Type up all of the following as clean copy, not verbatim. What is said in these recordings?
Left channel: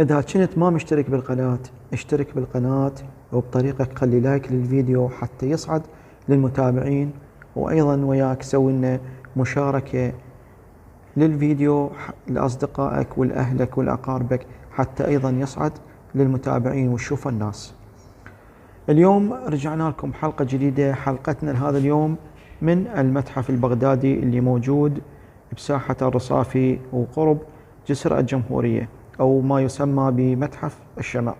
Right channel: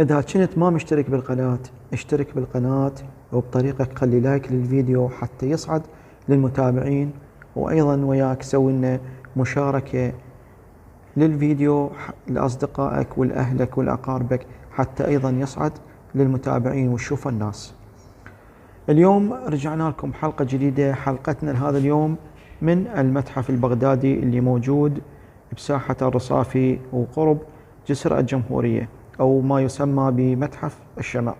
إذا كنت ما مشترك بالقناة اشترك بالقناة، وبطريقة خلي لايك للفيديو حتى يصعد للمتابعين، وأيضا وياك سوي لنا مشاركة للفيديو لأصدقائك ولأهلك ولأقاربك حتى أيضا يصعد للمتابعين ويشوف الناس. اليوم رجعنا لكم حلقة جديدة. حلقتنا لهذا اليوم من المتحف البغدادي اللي موجود بساحة الرصافي وقرب جسر الجمهورية، أو ما يسمى بمتحف الشمع.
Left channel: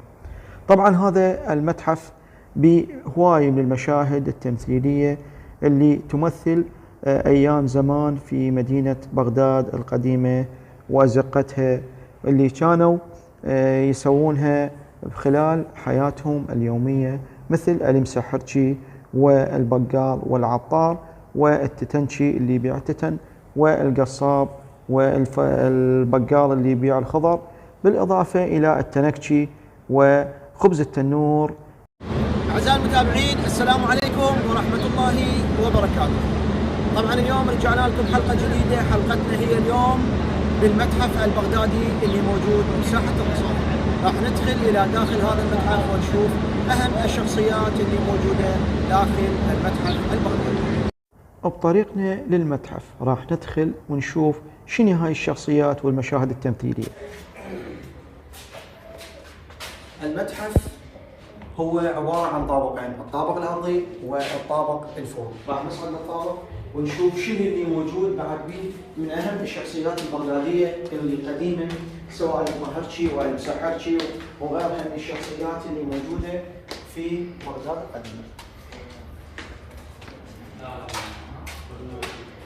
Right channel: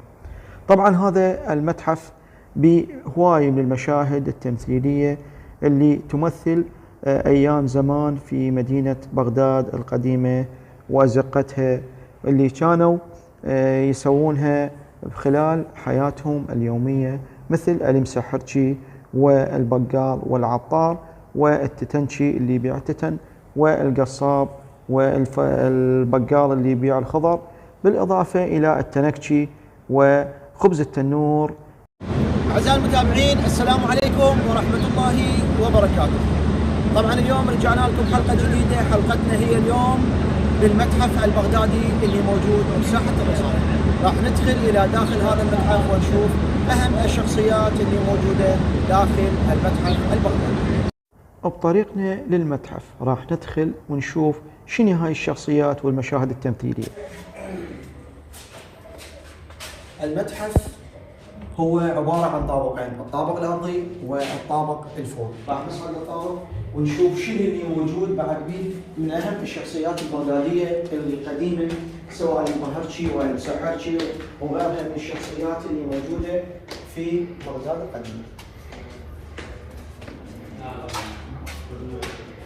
طبعا هذا المتحف بهواية من المشاهد التمثيلية اللي تمثل أيام زمان في مدينة بغداد القديمة وأزقتها، اللي كانوا يسوونها خلال حياتهم اليومية، مثل المسحرجي والبقال والعطار والتتنشي اللي يبيع تتن، والقصاب والبقال اللي يبيع الخضر، بالإضافة إلى التنكشي وخبز التنور. أعزائي المتابعين، السلام عليكم ورحمة الله وبركاته. طبعا اليوم رجعنا لكم حلقة جديدة. حلقتنا هي اليوم بالمتحف البغدادي اللي موجود بساحة الرصافي. راح ندخل إلى داخل هذا المتحف ونشوف أهم الشخصيات اللي موجودة داخل المتحف البغدادي. بطريقنا للمتحف راح ندخل ونشوف شنو هاي الشخصيات والمشاهد التمثيلية. المتحف هو عبارة عن طابقين، الطابق الأرضي والطابق الفوق. راح نصعد للطابق ونشوف شنو اللي موجود بعد من أهم الشخصيات البغدادية القديمة، سواء المهرشي والمسحرشي وغيرها من الشخصيات اللي موجودة في بغداد القديمة.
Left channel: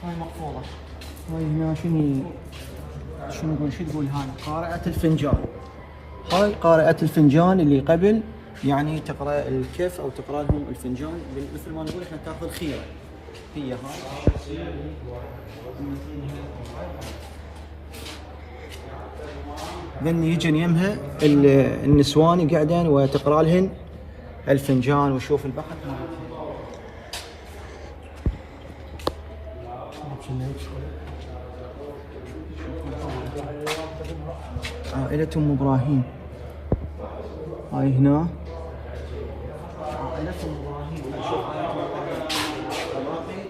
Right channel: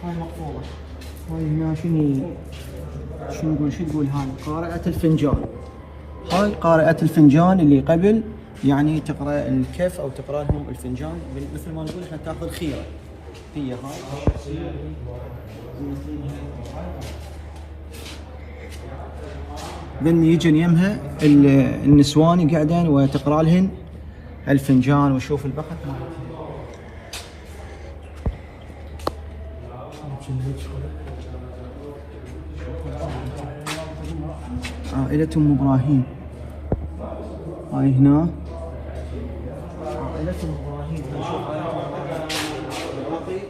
هاي مقفولة. هاي هنا شنو نقول هاي قارئة الفنجان. هاي قارئة الفنجان اللي قبل يعني تقرأ الكف أو تقرأ لهم الفنجان، مثل ما نقول احنا تاخذ خيرة. هي هاي ذن يجن يمها النسوان قاعدين وتقرأ لهن الفنجان. وشوف البخت عائلة أم إبراهيم. هاي هنا عائلة أم إبراهيم. نشوف عائلة أم إبراهيم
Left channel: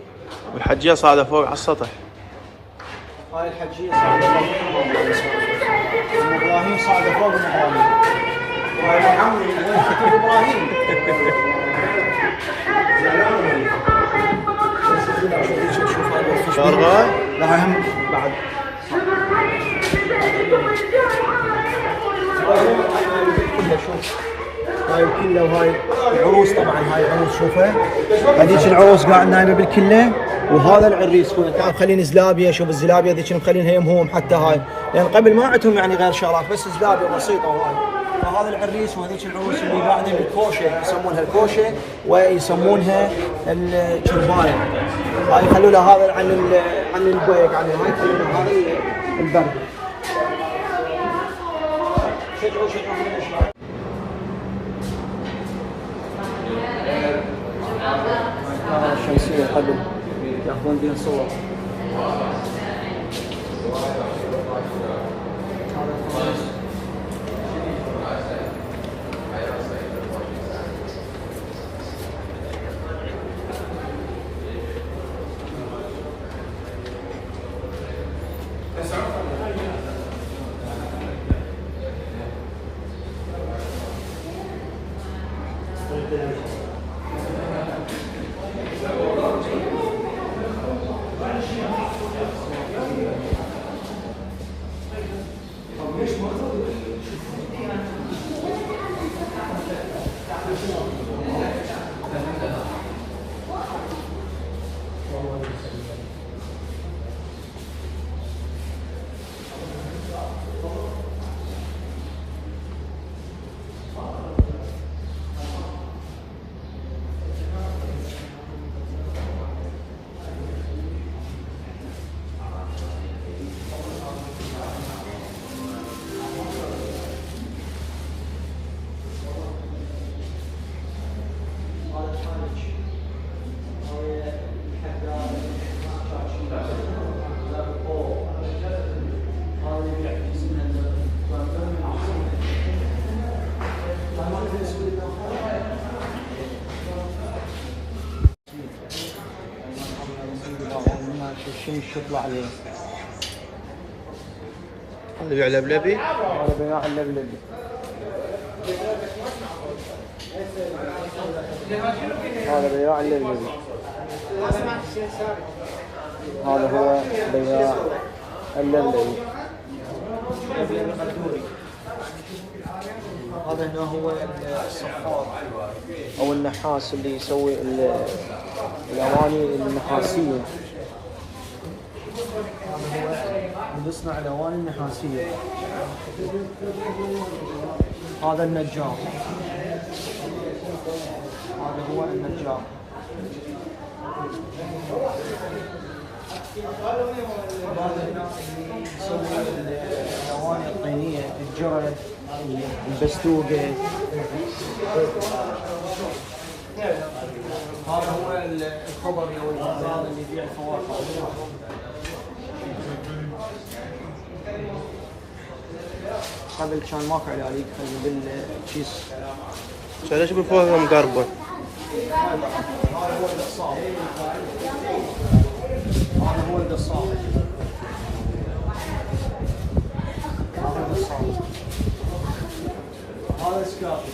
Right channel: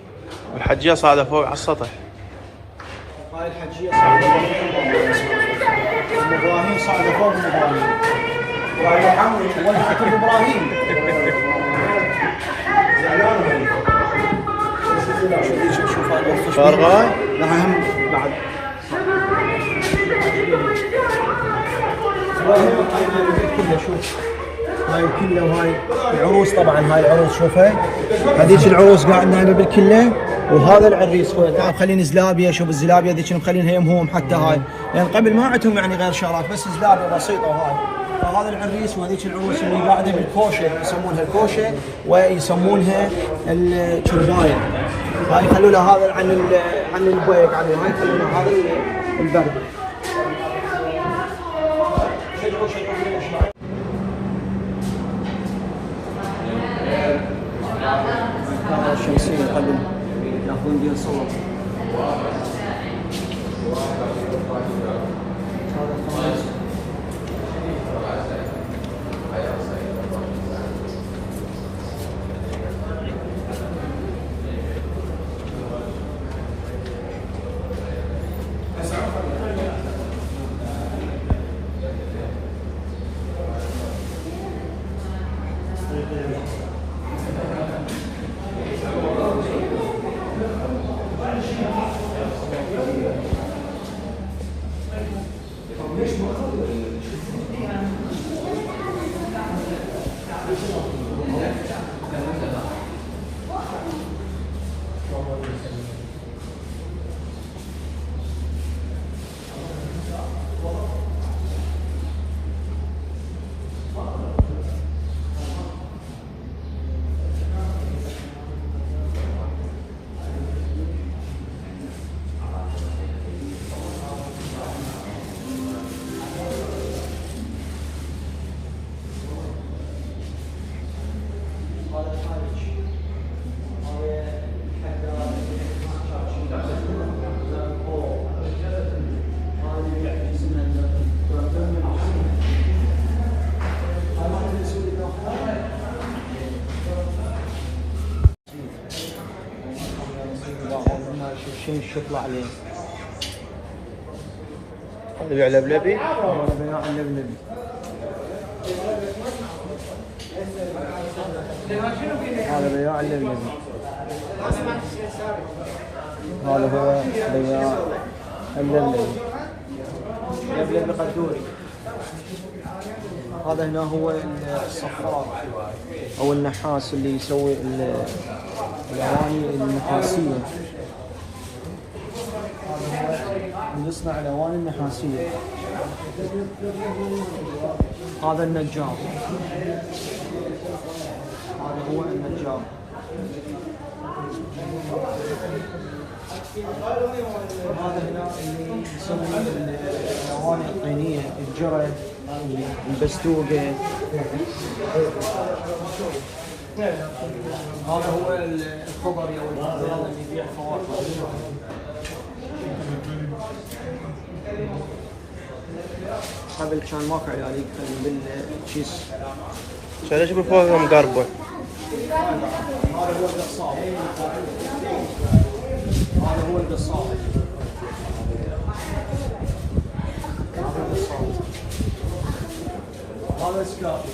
والحجية صاعدة فوق على السطح. هاي الحجية صاعدة فوق أم إبراهيم، صاعدة فوق أم إبراهيم. وعلى عمي ولدت أم إبراهيم. زعلانة شوف فارغة؟ لا هم بعد. هاي الكلة وهاي العروس. طبعا هاي العروس شوفها، هذيك العروس قاعدة هنا بالكلة، وهذا العريس. تعال خلينا زلابية. شوف الزلابية ذيك مخلينها يمهم حتى هاي، لان قبل ما عندهم يعني غير شغلات، بس زلابية بسيطة. وهاي فهذا العريس وهذيك العروس اللي قاعدة بالكوشة، يسمونها الكوشة ويسمونها الشرباية. هاي خلوا لها هذا عن البيك، عن هاي خلوا لها هذا البرد. هذا الشمسية قبل ياخذون بين صور. الريش يطلع عليه. هذا بيع لبلبي. هذا بياع اللبلبي. هذا بياع اللبلبي. هذا هو بياع اللبلبي. هذا هنا هو الصفار او النحاس اللي يسوي الاواني النحاسيه. هذا هو اللي يصنع الاواني النحاسيه. هذا النجار. هذا هو النجار. هذا هنا اللي يسوي الاواني الطينيه، الجرد، البستوقه. هذا هو الكوبري او الغزال اللي يبيع الفواكه. قبل كان ماكو علاج بالكيس. ليش يقول فوقها مقربون؟ هذا هو القصاب. هذا هو القصاب. هذا القصاب. هذا السكافي.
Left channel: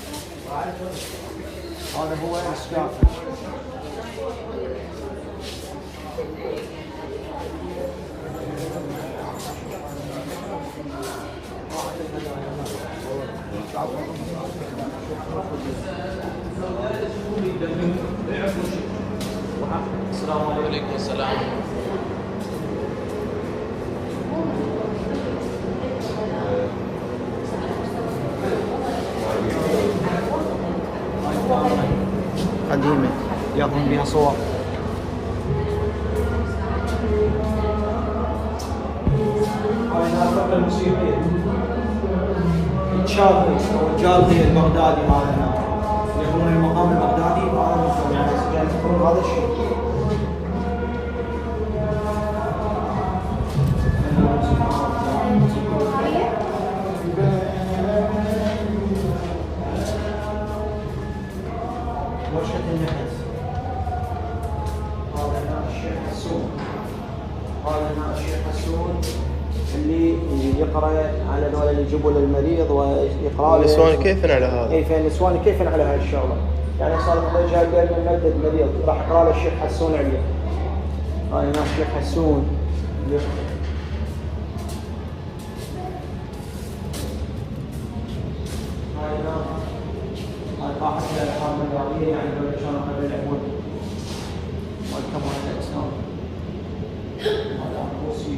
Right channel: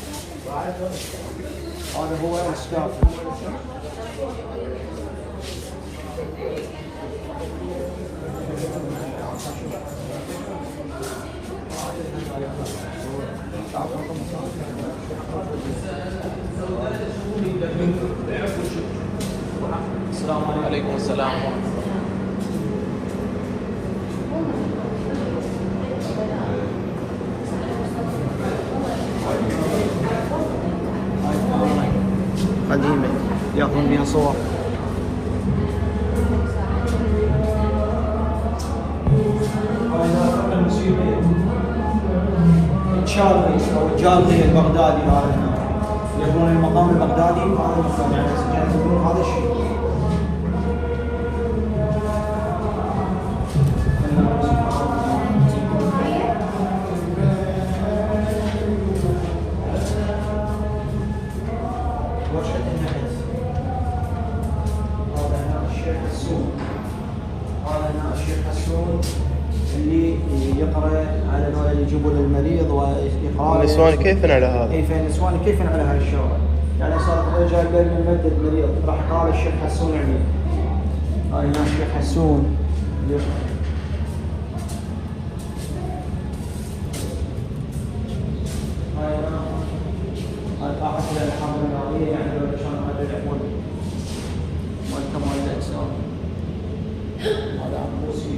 هذا هو السكافي. السلام عليكم. السلام. قديمة ياخذون بها صور. الجالغي البغدادي هذا هنا يقولون المقام البغدادي هذا المقام يعني هذا الشيء. يقرأ على اللي يجيبوا للمريض ويقرأ النسوان كيف على هذا؟ كيف النسوان كيف على هذه الشغله؟ يعني صار الرجال قال يمدد مريض راح قال الشيخ حسون عليه. هذا الناس الشيخ حسون هاي طاقة الألحام الرياضية يعني لو كانوا قبل يلعبون ويكتبون الإسلام. هذا عبوسي.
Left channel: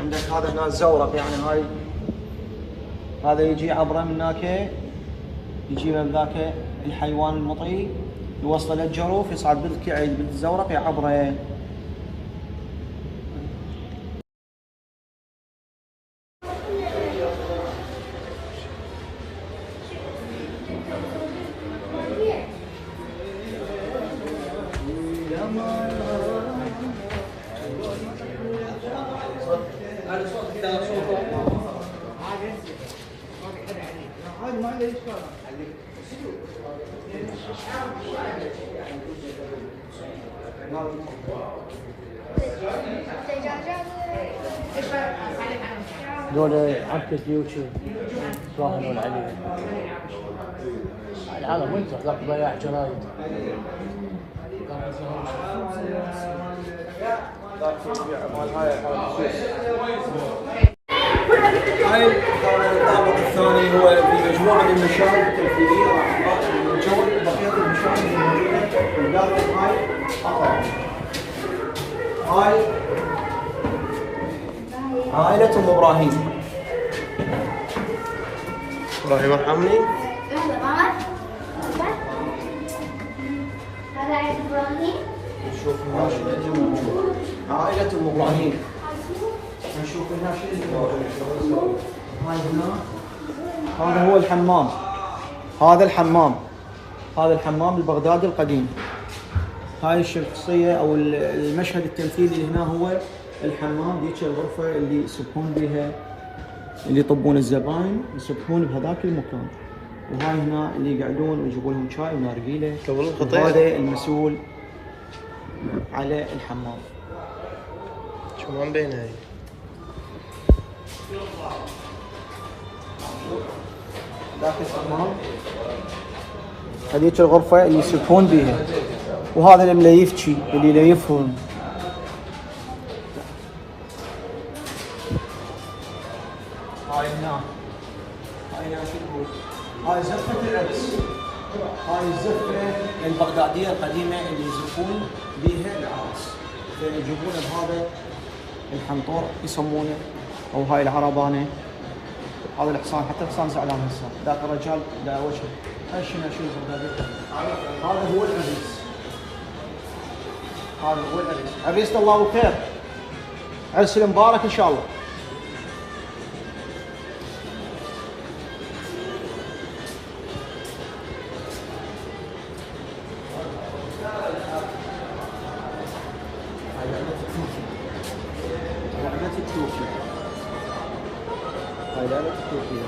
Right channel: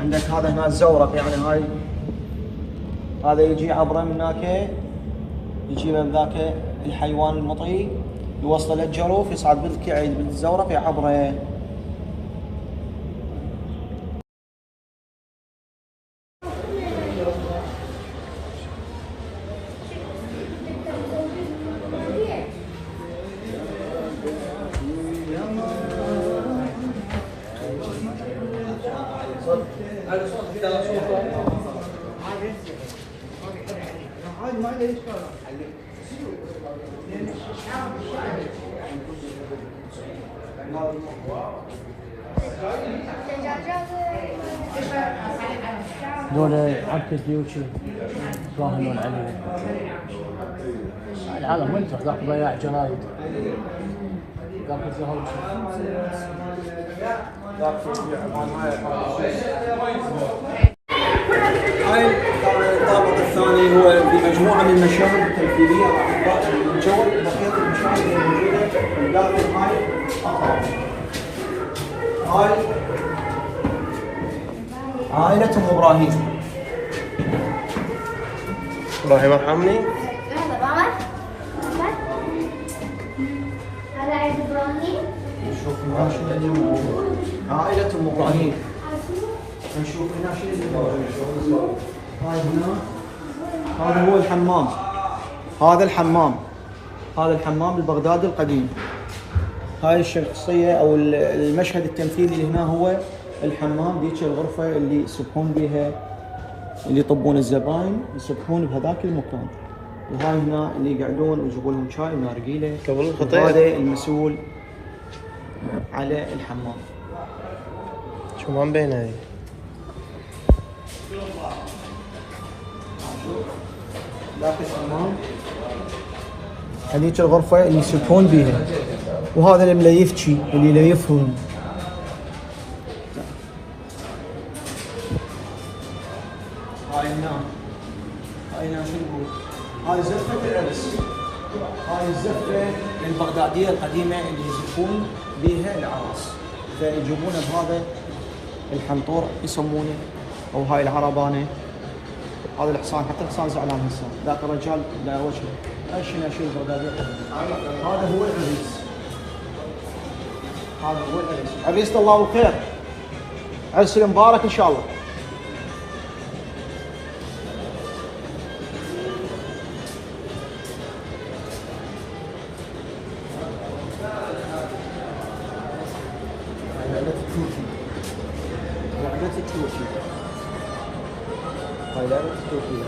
عندك هذا هنا الزورق يعني هاي هذا يجي عبره من هناك يجي من ذاك الحيوان المطي يوصل للجروف يصعد بالزورق يعبره. دول عكس يوتيوب ظاهر عليه. العالم انت تطلع ضياع جرايد. هاي الطابق الثاني هو بمجموعه من المشاهد التمثيليه راح نجول بقيه المشاهد الموجوده في داخل هاي اخر. هاي عائلة ام ابراهيم. ابراهيم ارحمني. نشوف الناشئ اللي موجود. عائلة ام ابراهيم. نشوف الناشئ اللي موجود. هاي هنا هذا هو الحمام. هذا الحمام. هذا الحمام البغدادي القديم. هاي الشخصية او المشهد التمثيلي اللي هنا هو الحمام. ذيك الغرفة اللي يسبحون بها اللي يطبون الزباين يصبحون بهذاك المكان. وهاي هنا اللي يقعدون ويجيبون لهم شاي ونارجيله. قبل الخطير. هذا المسؤول على الحمام. شو ما مبينه هاي. ذاك الحمام، هذيك الغرفة اللي يسكون بيها، وهذا اللي مليفتشي اللي يليفهم. هاي هنا، هاي هنا شو نقول؟ هاي زفة العرس. هاي الزفة البغدادية القديمة اللي يزفون بيها العرس، فيجيبونه بهذا الحنطور يسمونه، او هاي العربانة. هذا الحصان، حتى الحصان زعلان هسه، ذاك الرجال لا وجهه. هاي شنو شيء البغدادي؟ هذا هو العريس. هذا هو العريس. عريس الله بالخير. عرس مبارك ان شاء الله. هاي لعبة التوكيل.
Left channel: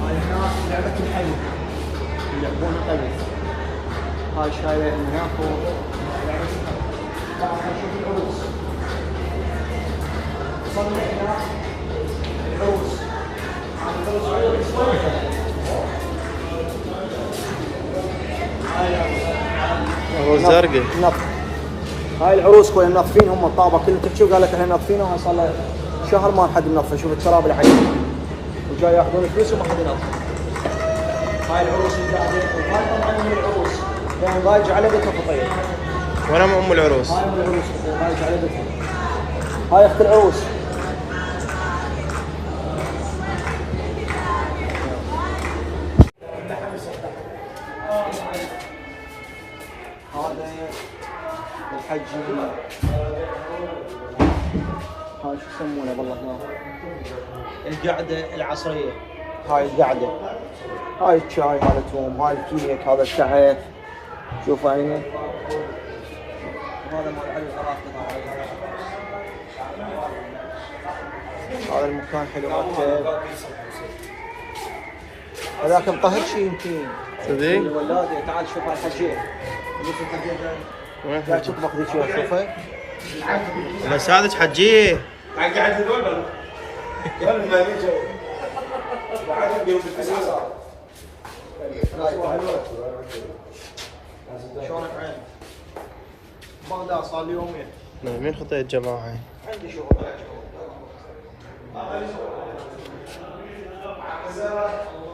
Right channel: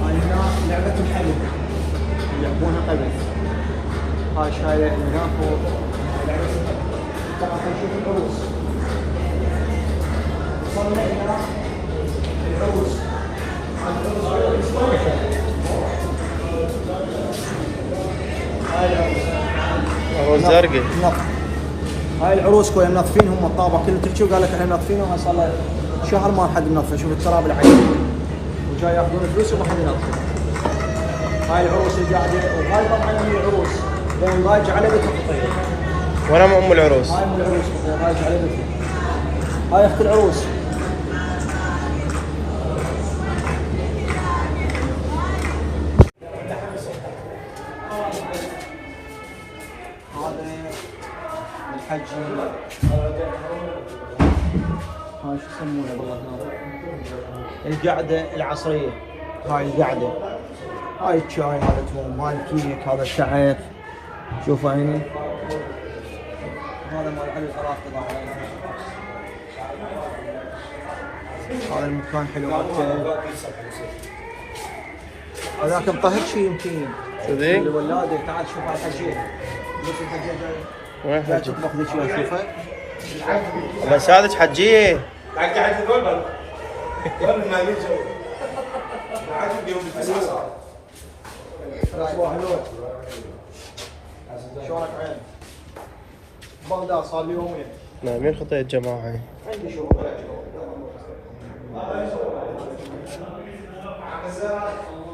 هاي هنا لعبة الحبل، يلعبون القبل. هاي شاية من هنا فوق. طبعا نشوف العروس. وصلنا هنا العروس. عروس زرقاء. هاي العروس خويا منظفين هم الطابه كله. تحكي قال لك احنا منظفينه صار له شهر ما حد منظف. شوف التراب اللي عليه وجاي ياخذون فلوس وياخذون. هاي العروس اللي قاعده. هاي طبعا ام العروس لان راجع على بيت الخطيب. وين ام العروس؟ هاي ام العروس راجع على بيتها. هاي اخت العروس. الحج هاي شو يسمونها بالله؟ القعده العصريه. هاي القعده، هاي الشاي مالتهم، هاي الكيك، هذا الشعير. شوف هاي هنا هذا مال علي العرافه. هذا المكان حلو. هذاك مطهر شيء يمكن. صدق؟ ولادي تعال شوف الحجيه. وين لا حجي؟ تطبخ ذي شيء شوفه. الله يساعدك حجية. قاعد هذول وين المالي شلونك عين؟ بغداد صار لي يومين. نايمين خطية الجماعة هاي. عندي شغل.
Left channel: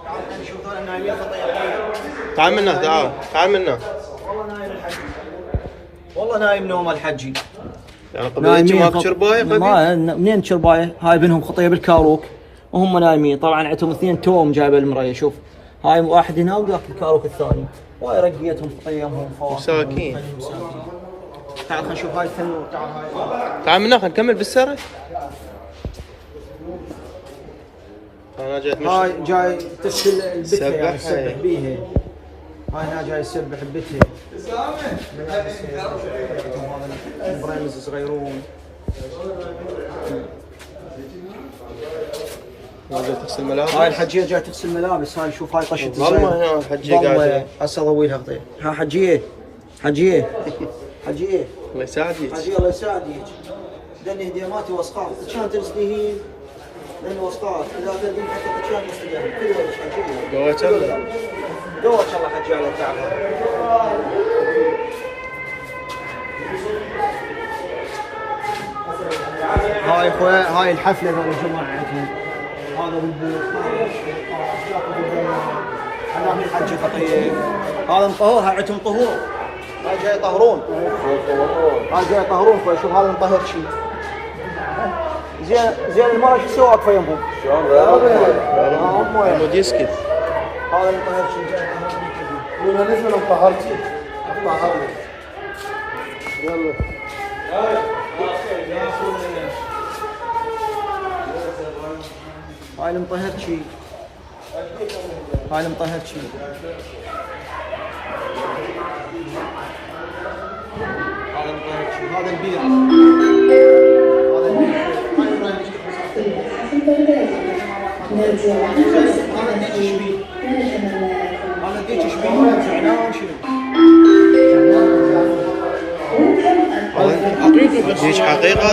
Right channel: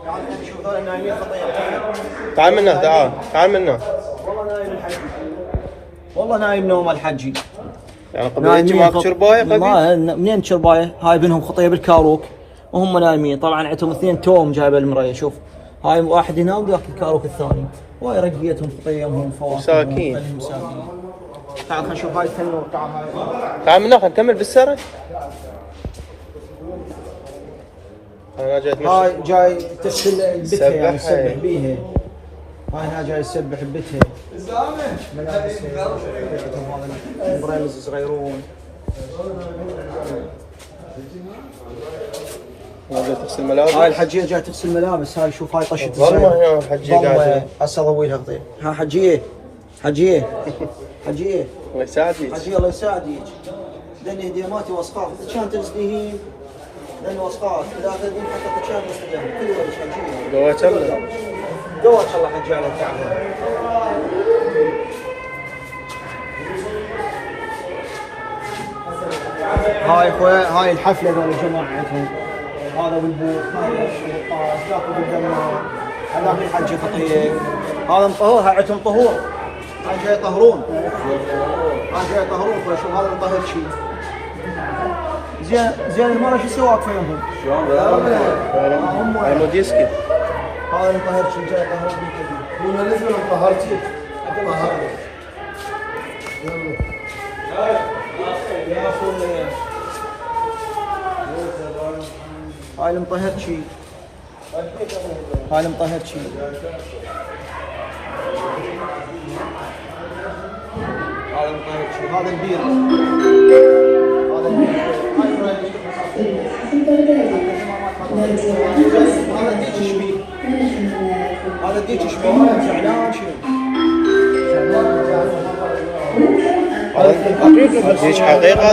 تعال عندي شغل. انا نايمين خطير. تعال منا تعال منا. والله نايم الحجي. والله نايم نوم الحجي. يعني قبل يجي ماكو شرباية قبل؟ منين شرباية؟ هاي بينهم خطيه بالكاروك وهم نايمين. طبعا عندهم اثنين توم جايبه المرايه. شوف هاي واحد هنا وذاك الكاروك الثاني. وهاي رقيتهم خطيهم فواكه. مساكين. مساكين. تعال خلينا نشوف هاي التنور. تعال هاي. تعال منا خلينا نكمل بالسرد. انا جاي اتمشى. هاي جاي تسهل بيتها يعني سبح هاي. تسبح بيها. هاي هنا جاي يسبح ببيتها. ملابس هذا بريمز صغيرون. جاي تغسل ملابس. هاي الحجيه جاي تغسل ملابس. هاي شوف هاي طشت والله هنا الحجية قاعدة. هسه اضوي لها خطير. ها حجيه حجيه حجيه الله يساعدك. حجيه الله يساعدك. دني هديماتي وسخات كان تزديهين لان وسخات اذا تلقين حتى كان مستدام كل وجه حجيه. قوة الله. قوة الله حجيه الله تعالى. هاي اخويا هاي الحفله ذول الجماعه عندهم. هذا بالبوق، هذا هذا الحج تقليد. هذا مطهور. هاي عندهم طهور. هاي جاي يطهرون. هاي جاي يطهرون. شوف هذا مطهر شيء. زين المال شو يسوي وقفه يمهم؟ المود يسكت. هذا المطهر شيء جاي يطهرون بالحديد. قلنا لازم طهرتي حتى مع هذا يلا يا اخوي هاي المطهر شيء. هاي المطهر شيء. هذا البيض. هذا ديك شبيه. هذا ديك شبيه زعلان شنو؟ ديش حقيقة.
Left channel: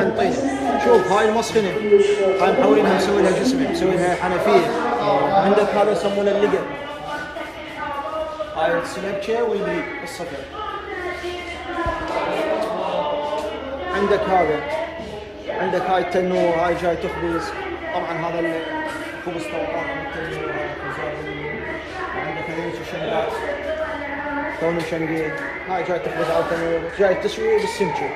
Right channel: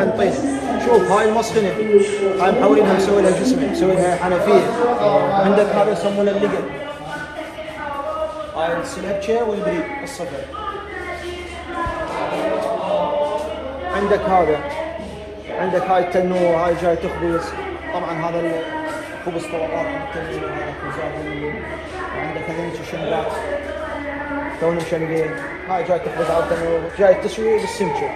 حنطيش. شوف هاي المسخنة، هاي محاولينها نسوي لها جسم، نسوي لها حنفية. عندك هذا يسمونه اللقل. هاي السلبشة والبريد الصفر. عندك هذا، عندك هاي التنور، هاي جاي تخبز. طبعا هذا خبز طبقات من التنور، هاي خبزات عندك هذا الشنقات توني مشنقين. هاي جاي تخبز على التنور، جاي تسوي بالسمكة.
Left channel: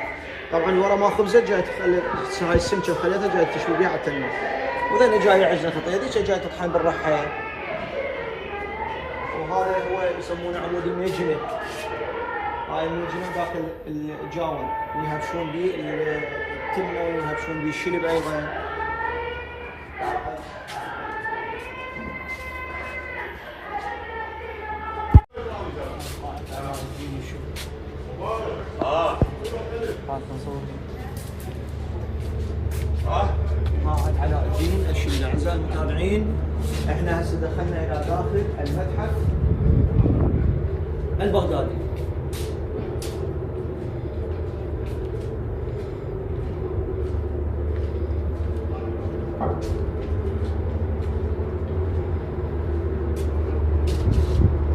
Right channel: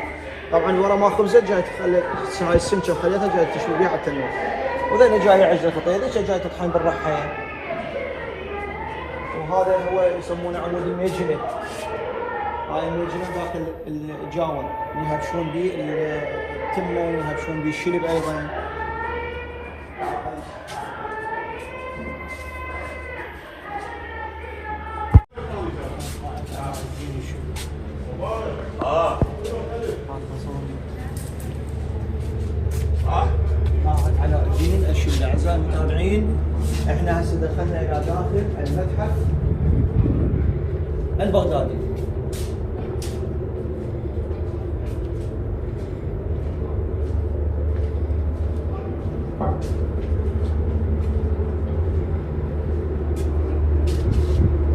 طبعا ورا ما خبزت جاي تخلي هاي السمكة خليتها جاي تشوي بيها على التنور. وذني جاي عجلة الطيب، جاي تطحن بالرحال. وهذا هو يسمونه عمود الميجنة. هاي الميجنة داخل الجاون يهبشون به التمة ويهبشون به الشلب أيضا. علاء الدين الأشيلي. أعزائي المتابعين، احنا هسه دخلنا إلى داخل المتحف البغدادي.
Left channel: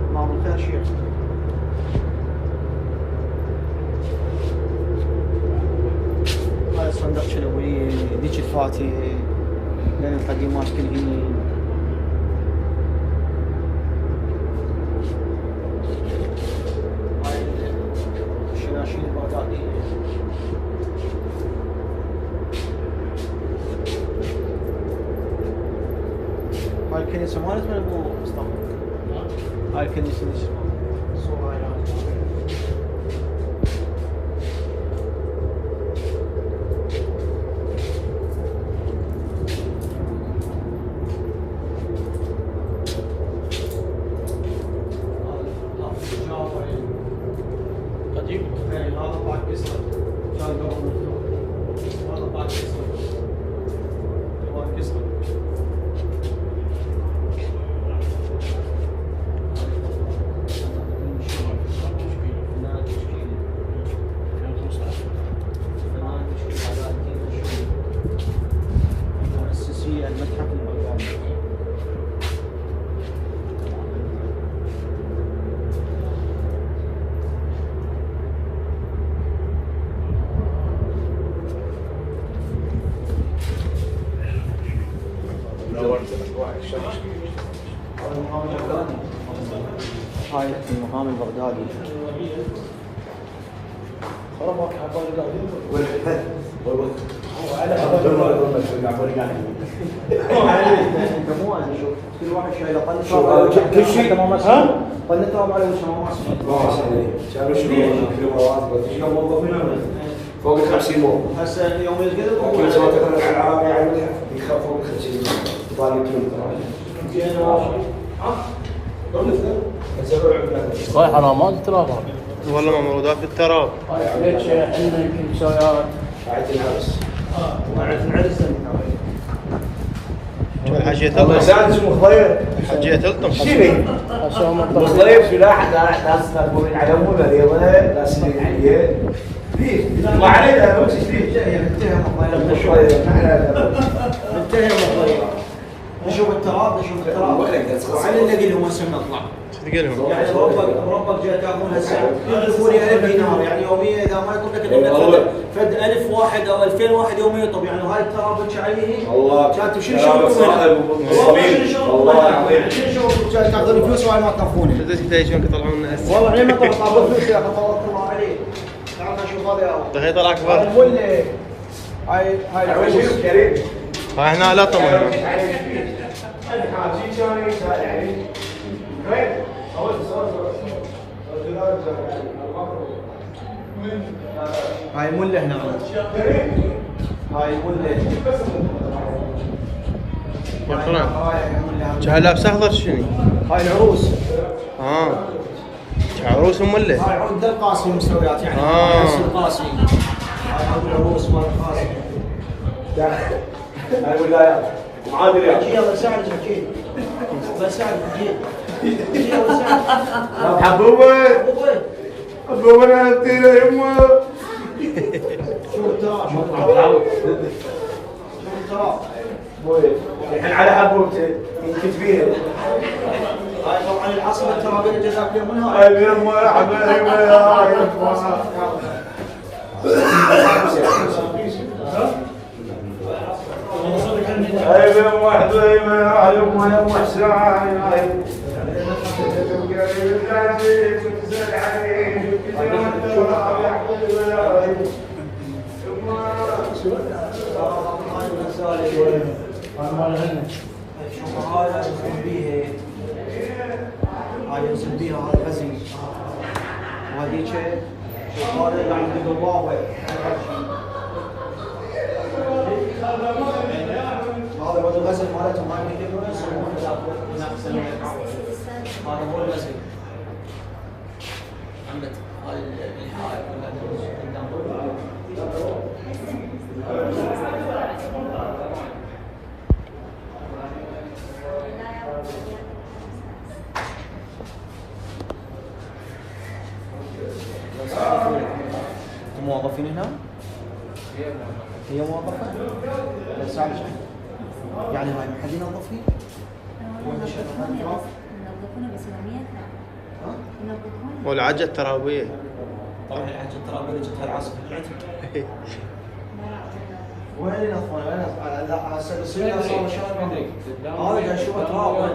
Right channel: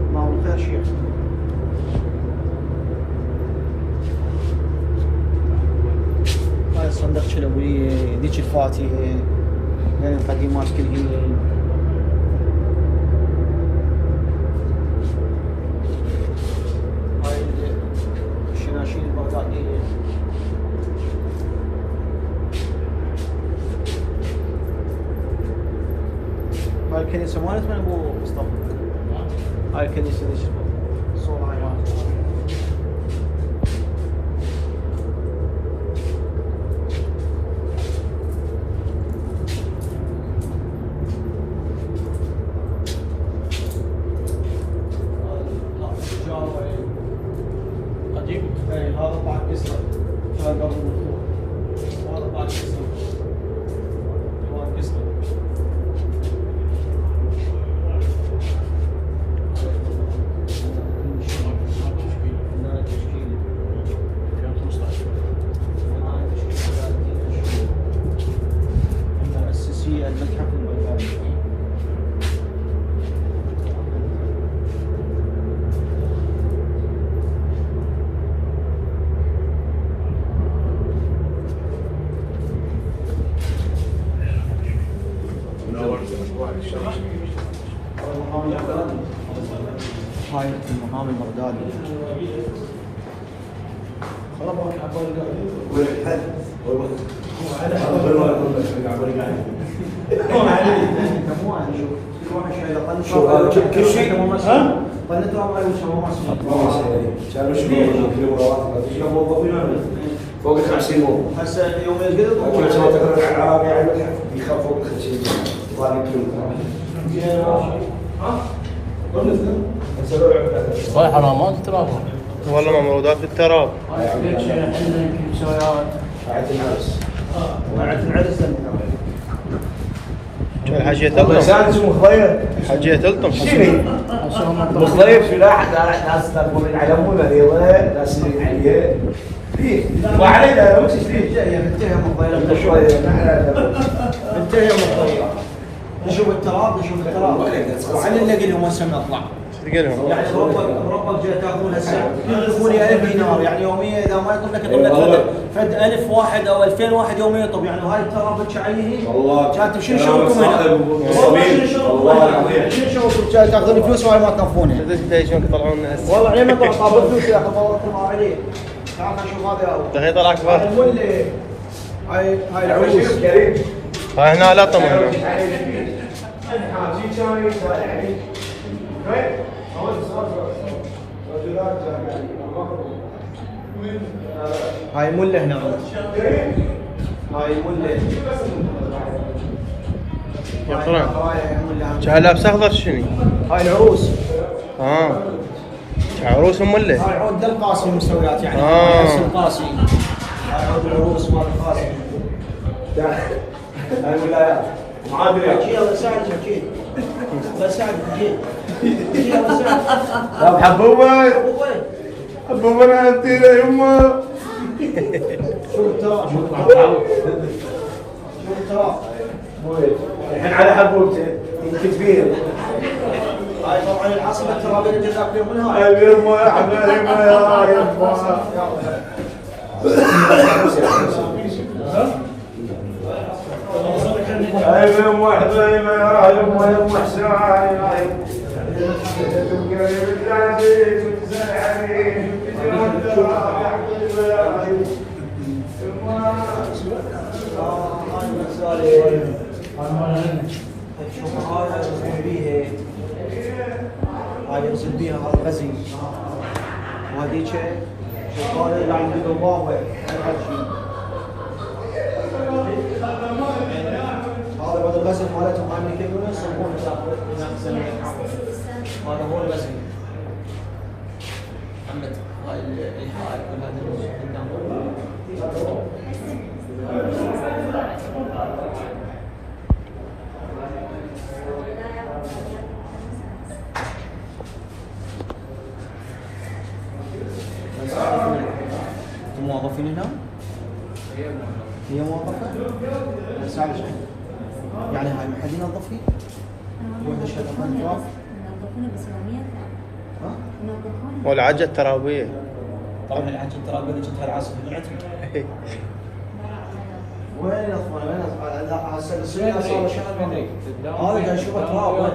الله بالخير شيخ. هاي الصندوق شلوية، ذيك الفاتحة، الباقي ماسك الهين. هاي الشناشيل البغدادية. هاي الكنيسة مالت من ابو مصطفى. هاي الكنيسة الصورة هاي مالت. هذا طاق قصر كان قبل مفتوح. هذا طاق قصر جوال قصر. المؤسسية المتحف البغدادي. كل شيء ها؟ كانوا شنو موظفين فوق ال 50 موظف. هسه يوم القدر كل ما تقرا عن العربي على المتحف يخاف فوق ال 50 طالب صحيح انا ما قلت له والله موجودات بالتراب. قاعد العرس. الحاجية تلطم. اسمه خضير. حاجية تلطم. مخضير في لاحد ناس تقولون على مو مريضه ناس اللي ما علينا لو تشري انتهى نشوف التراب نشوف التراب وعلى نلاقي لهم هسه نطلع. تلقى يعني ربك جاي تاخذون هسه يضيفوا لي 1000 دينار يعني يوميا اذا ما يطلب لك الا فد 1000 واحد او 2000 واحد يوميا يطلب يعني هاي التراب الشعيري كانت شنو شغلكم هنا؟ والله العظيم شنو شغلكم جاي تاخذون فلوس وهاي ما تكفونها؟ ديشون يطلعون هسه. والله عيني ما طلعوا فلوس يا اخي طوركم عاملين. تعال نشوف هذا هي طلع اكبر. هاي العروس هاي هنا لا طمع هنا. هاي مله هنا هاي مله يا قران. جاي لابس اخضر شنو؟ هاي العروس عروس ام اللي هاي عود القاسي مستويات يعني عرس القاسي. هاي عود العروس مال القاسي. هاي الولايات. معادل يلا ساعد حكي. بس ساعد حكي. يلا ساعد. يا محبوبه حبوبه انا قلتي له يمه الحين على حبوبته يمكن فيها. هاي طبعا العصبة الترابية اللي جزاك منها. يا يمه يا حبايبي يا يمه هاي يوم واحد يا يوم احسن هاي ينزل بيها هذا غزي وهذيك هذا اللي عندي بالواوي هذا هو الغزل مالتهم هاي اللي يقولون يسمونه هذا هو الغزل. عندك هاي الحائط موظفين هنا؟ هي موظفة؟ مساعد يعني هاي ما حد ينظف فيه؟ ولا شيء ينظفون بس يوميا لا. ينظفون. والعجة الترابية. طبعا العجة الترابية اللي جبتها العصر في العتب. وين ينظفون؟ وين ينظفون؟ لا السنين صار شلون هذا قاعد يشوف التراب وين؟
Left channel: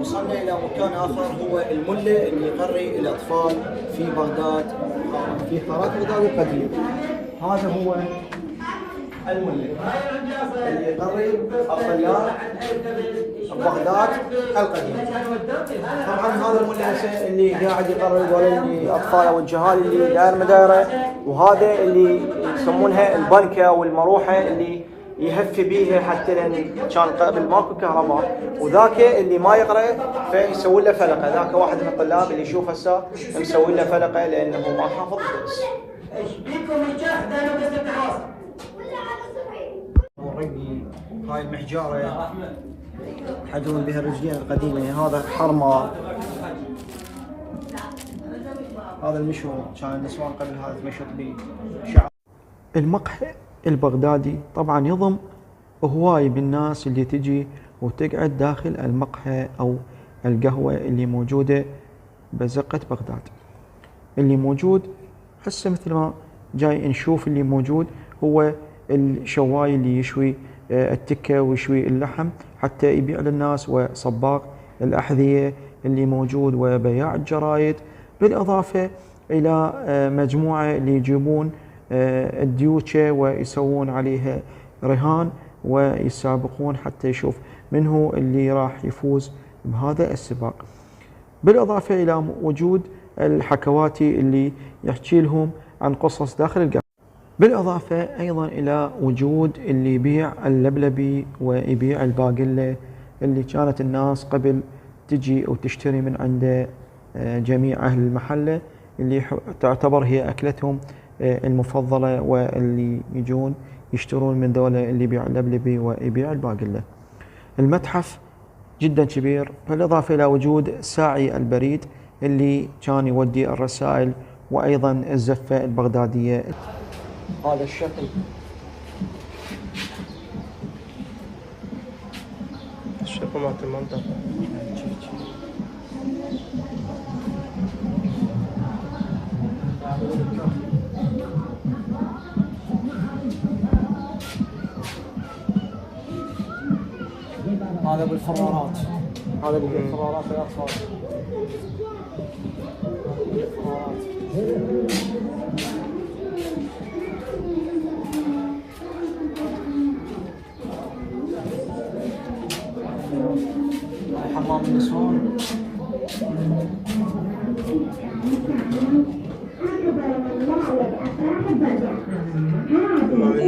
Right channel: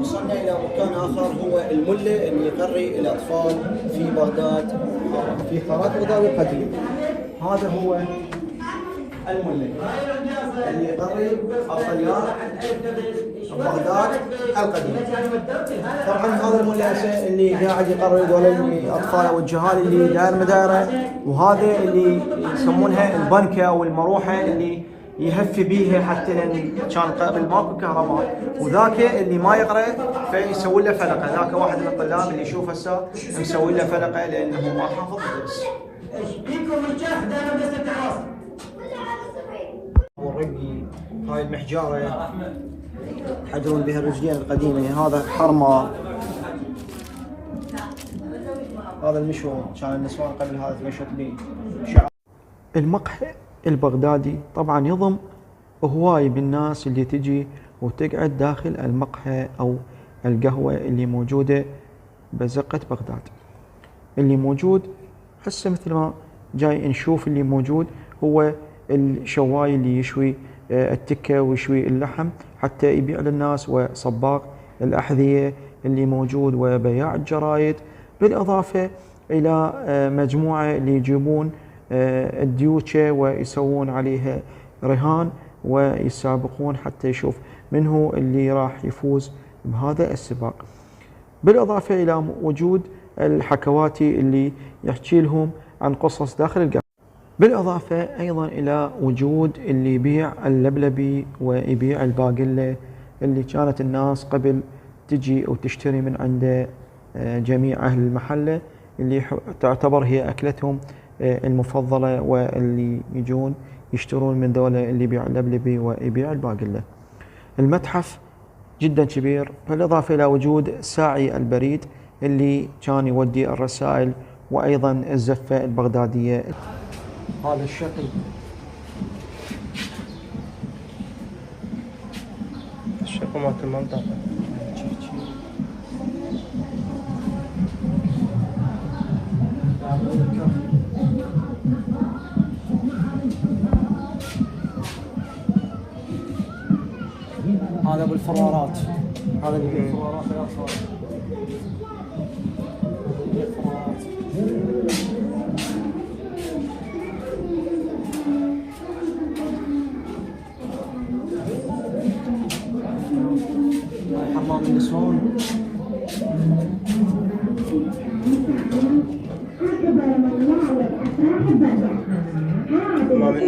وصلنا إلى مكان آخر هو الملة اللي يقري الأطفال في بغداد في حارات بغداد القديم. هذا هو الملة اللي يقري الطيار بغداد القديم. طبعا هذا الملة هسه اللي قاعد يقري هذول الأطفال والجهال اللي داير مدايره، وهذا اللي يسمونها البنكة والمروحة اللي يهفي بيها حتى لان كان قبل ماكو كهرباء، وذاك اللي ما يقرا فيسوي له فلقه، ذاك واحد من الطلاب اللي يشوف هسه يسوي له فلقه لانه ما حافظ الدرس. والرقي هاي المحجاره يحجرون بها الرجلين القديمه، هذا حرمه، هذا المشهور كان النسوان قبل هذا تمشط به شعر. المقهى البغدادي طبعا يضم هواي بالناس اللي تجي وتقعد داخل المقهى أو القهوة اللي موجودة بزقة بغداد. اللي موجود هسه مثل ما جاي نشوف اللي موجود هو الشواي اللي يشوي التكة ويشوي اللحم حتى يبيع للناس، وصباغ الأحذية اللي موجود، وبياع الجرايد، بالإضافة إلى مجموعة اللي يجيبون الديوتشة ويسوون عليها رهان ويسابقون حتى يشوف من هو اللي راح يفوز بهذا السباق. بالإضافة إلى وجود الحكواتي اللي يحكي لهم عن قصص داخل القهوة. بالإضافة أيضا إلى وجود اللي يبيع اللبلبي ويبيع الباقلة اللي كانت الناس قبل تجي وتشتري من عنده جميع أهل المحلة، اللي تعتبر هي أكلتهم المفضلة، واللي يجون يشترون من دولة اللي يبيع اللبلبي ويبيع الباقلة. المتحف جدا كبير، بالإضافة إلى وجود ساعي البريد اللي كان يودي الرسائل، وأيضا الزفة البغدادية. هذا الشكل الشقة مالت المنطقة. هذا بالفرارات، هذا بالفرارات حمام النسوان.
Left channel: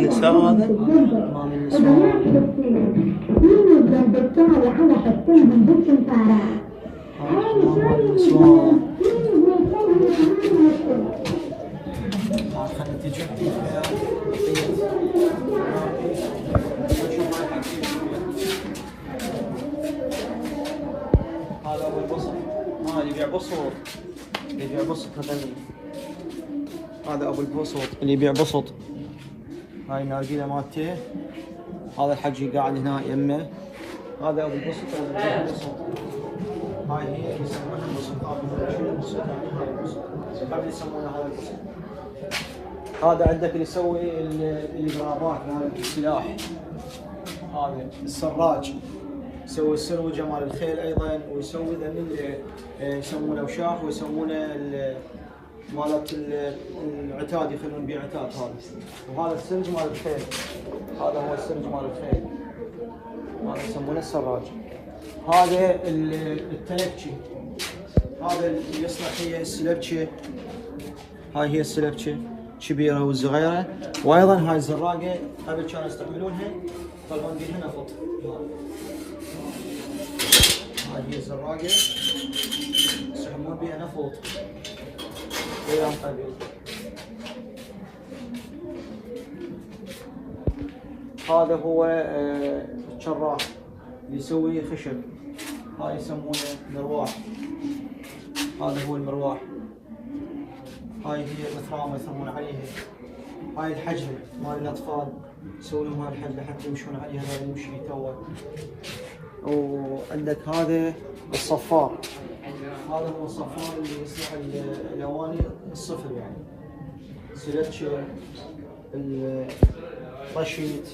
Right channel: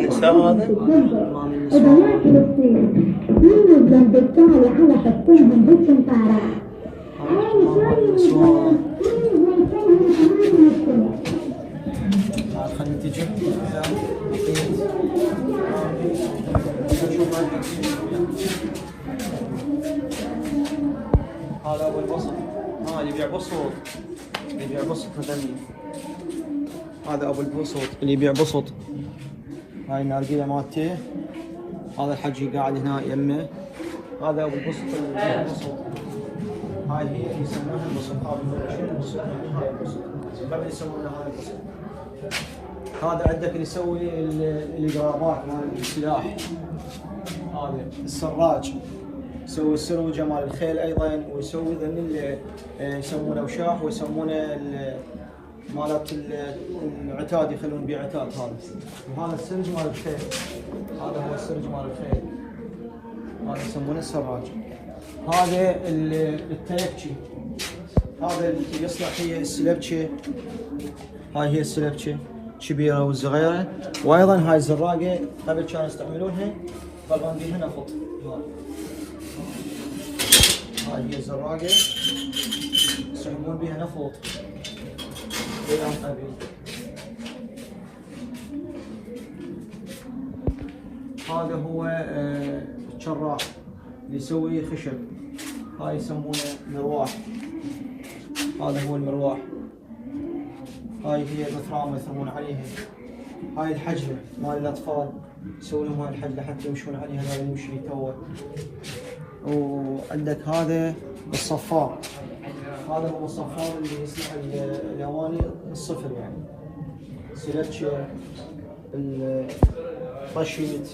النساء هذا؟ تعال خلينا تجي. هذا ابو البسط، اللي يبيع بسط، اللي يبيع بسط هذني. هذا ابو البسط اللي يبيع بسط. هاي النارجيله مالته. هذا الحجي قاعد هنا يمه. هذا ابو البسط اللي يبيع بسط. هاي هي اللي يسمونها البسط. هذا البسط يعني هاي البسط. قبل يسمونها هذا البسط. هذا عندك اللي يسوي الاقرامات مال السلاح. هذا السراج. يسوي السروجه مال الخيل ايضا، ويسوي ذن اللي يسمونه وشاح، ويسمونه مالت العتاد، يخلون بيه عتاد. هذا وهذا السرج مال الخيل. هذا هو السرج مال الخيل. هذا يسمونه السراج. هذا التلكشي. هذا اللي يصنع هي السلبشة. هاي هي السلبشة كبيرة والصغيرة. وايضا هاي الزراقة قبل كانوا يستعملونها يطلعون بيها نفط. هاي هي الزراقة يسحبون بيها نفط. هذا هو الشراح اللي يسوي خشب. هاي يسمونه مروح. هذا هو المروح. هاي هي الرثرامة يسمون عليها. هاي الحجلة مال الأطفال، يسوون لهم هاي الحجلة حتى يمشون عليها. هذا يمشي توه. وعندك هذا الصفار. هذا هو الصفار اللي يصنع الأواني الصفر، يعني سلبشة، الرشيد،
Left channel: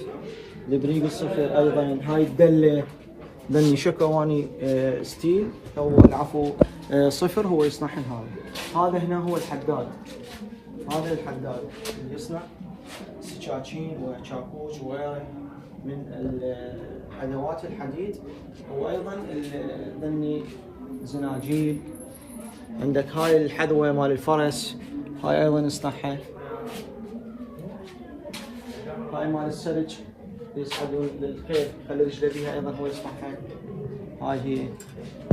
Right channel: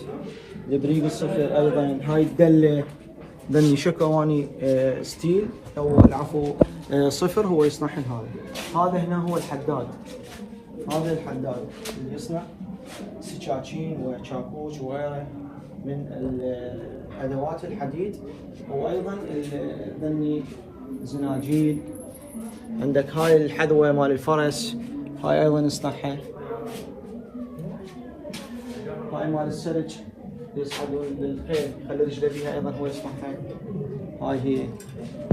البريق الصفر ايضا. هاي الدله دني شك اواني ستيل او العفو صفر هو يصنعها. هذا هنا هو الحداد. هذا الحداد اللي يصنع سكاكين وشاكوش وغيره من ادوات الحديد، وايضا دني زناجيل. عندك هاي الحذوه مال الفرس، هاي ايضا يصنعها. هاي مال السرج يصعدون للخيل، يخلي رجله بيها ايضا هو يصنعها. هاي هي.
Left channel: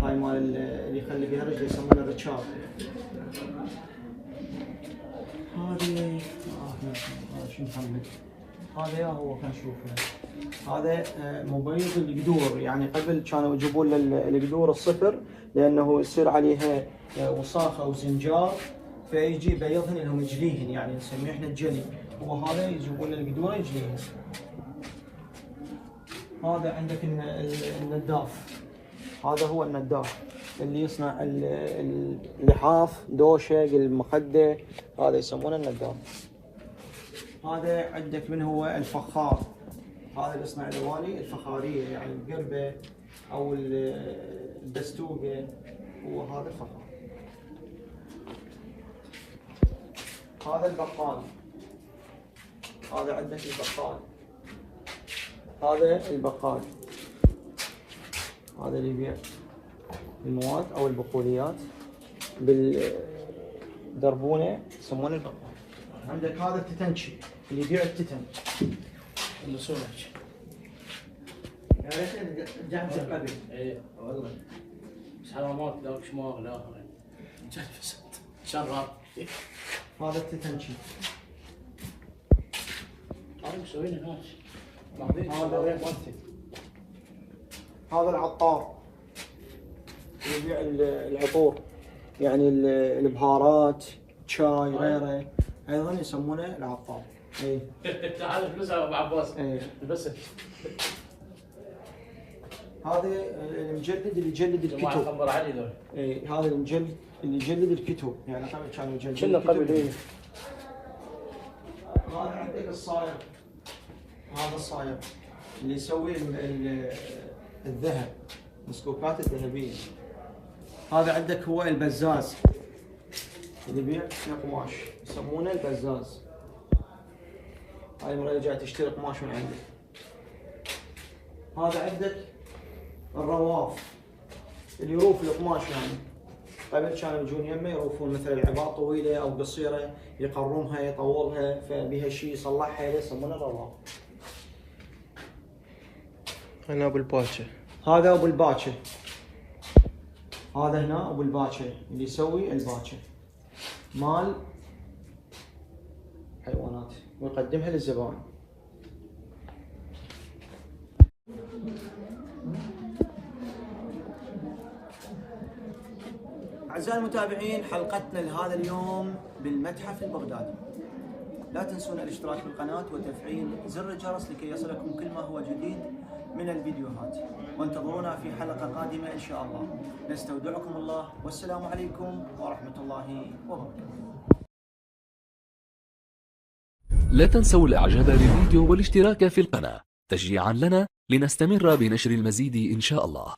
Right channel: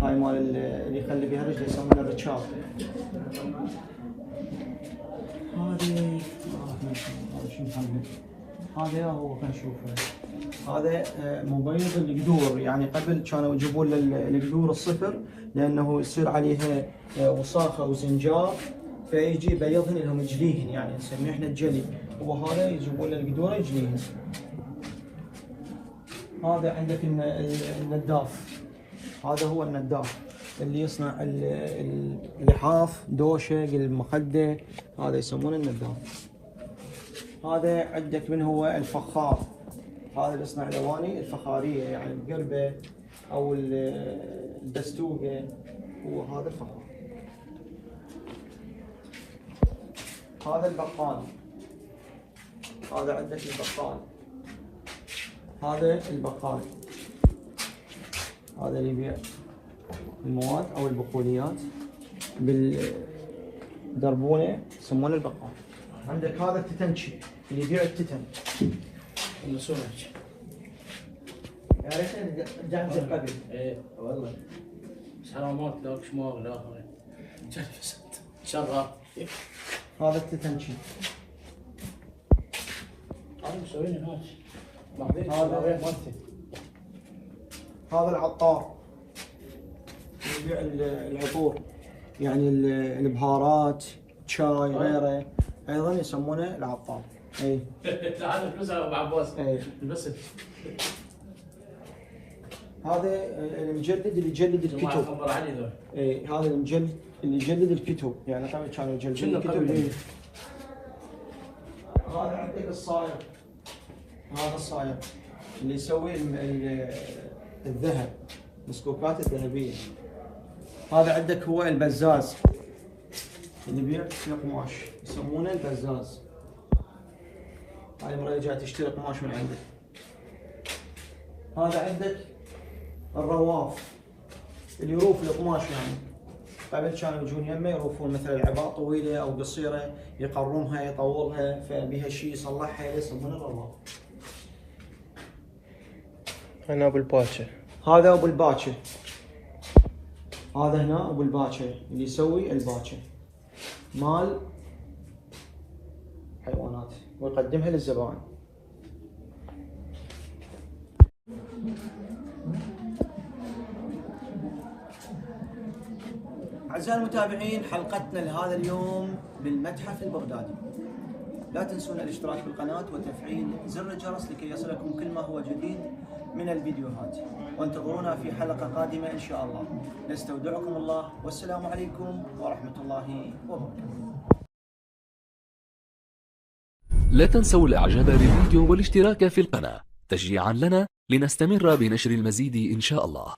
هاي مال اللي يخلي بيها رجله يسمونه الركاب. هذا شو محمد؟ هذا هو خلينا نشوفه. هذا مبيض القدور، يعني قبل كانوا يجيبون القدور الصفر لانه يصير عليها وصاخه وزنجار، فيجي بيضهن لهم يجليهن، يعني نسميه احنا الجلي. وهذا يجيبون القدوره يجليهن. هذا عندك النداف. هذا هو النداف اللي يصنع اللحاف، دوشه، المخده، هذا يسمونه النداف. هذا عندك من هو الفخار. هذا اللي يصنع الاواني الفخاريه، يعني القربه او الدستوقه، وهذا الفخار. هذا البقال. هذا عندك البقال. هذا البقال. هذا اللي يبيع المواد او البقوليات بالدربونه يسمونه البقال. عندك هذا التتنشي اللي يبيع التتن اللي سمك. يا ريت جنب قبل. ايه والله سلامات لك شماغ الاخر شغال. هذا التتنشي. انا مسويني هناك. هذا العطار اللي يبيع العطور، يعني البهارات، شاي، غيره، ايضا يسمونه العطار. اي تعال نسوي مع عباس. اي بس هذا المجلد اللي يجلد الكتب. خبر علي ذول. اي هذا المجلد اللي يجلد الكتب، يعني قبل كانوا يجلدون الكتب. هذا عندك الصايغ. هذا الصايغ اللي يسوي الذهب، المسكوكات الذهبيه. هذا عندك هو البزاز اللي يبيع القماش، يسمونه البزاز. هاي المرة جاي تشتري قماش من عندك. هذا عندك الرواف اللي يروف القماش، يعني قبل كانوا يجون يمه يروفون مثلا العباء طويله او قصيره يقرمها يطولها، فبها شيء يصلحها يصممها الرباط. انا ابو الباشا. هذا ابو الباكر، هذا هنا ابو الباكر اللي يسوي الباكر مال حيوانات ويقدمها للزبائن. أعزائي المتابعين، حلقتنا لهذا اليوم بالمتحف البغدادي. لا تنسون الاشتراك بالقناة وتفعيل زر الجرس لكي يصلكم كل ما هو جديد من الفيديوهات، وانتظرونا في حلقة قادمة إن شاء الله. نستودعكم الله، والسلام عليكم ورحمة الله وبركاته. لا تنسوا الاعجاب بالفيديو والاشتراك في القناة تشجيعا لنا لنستمر بنشر المزيد إن شاء الله.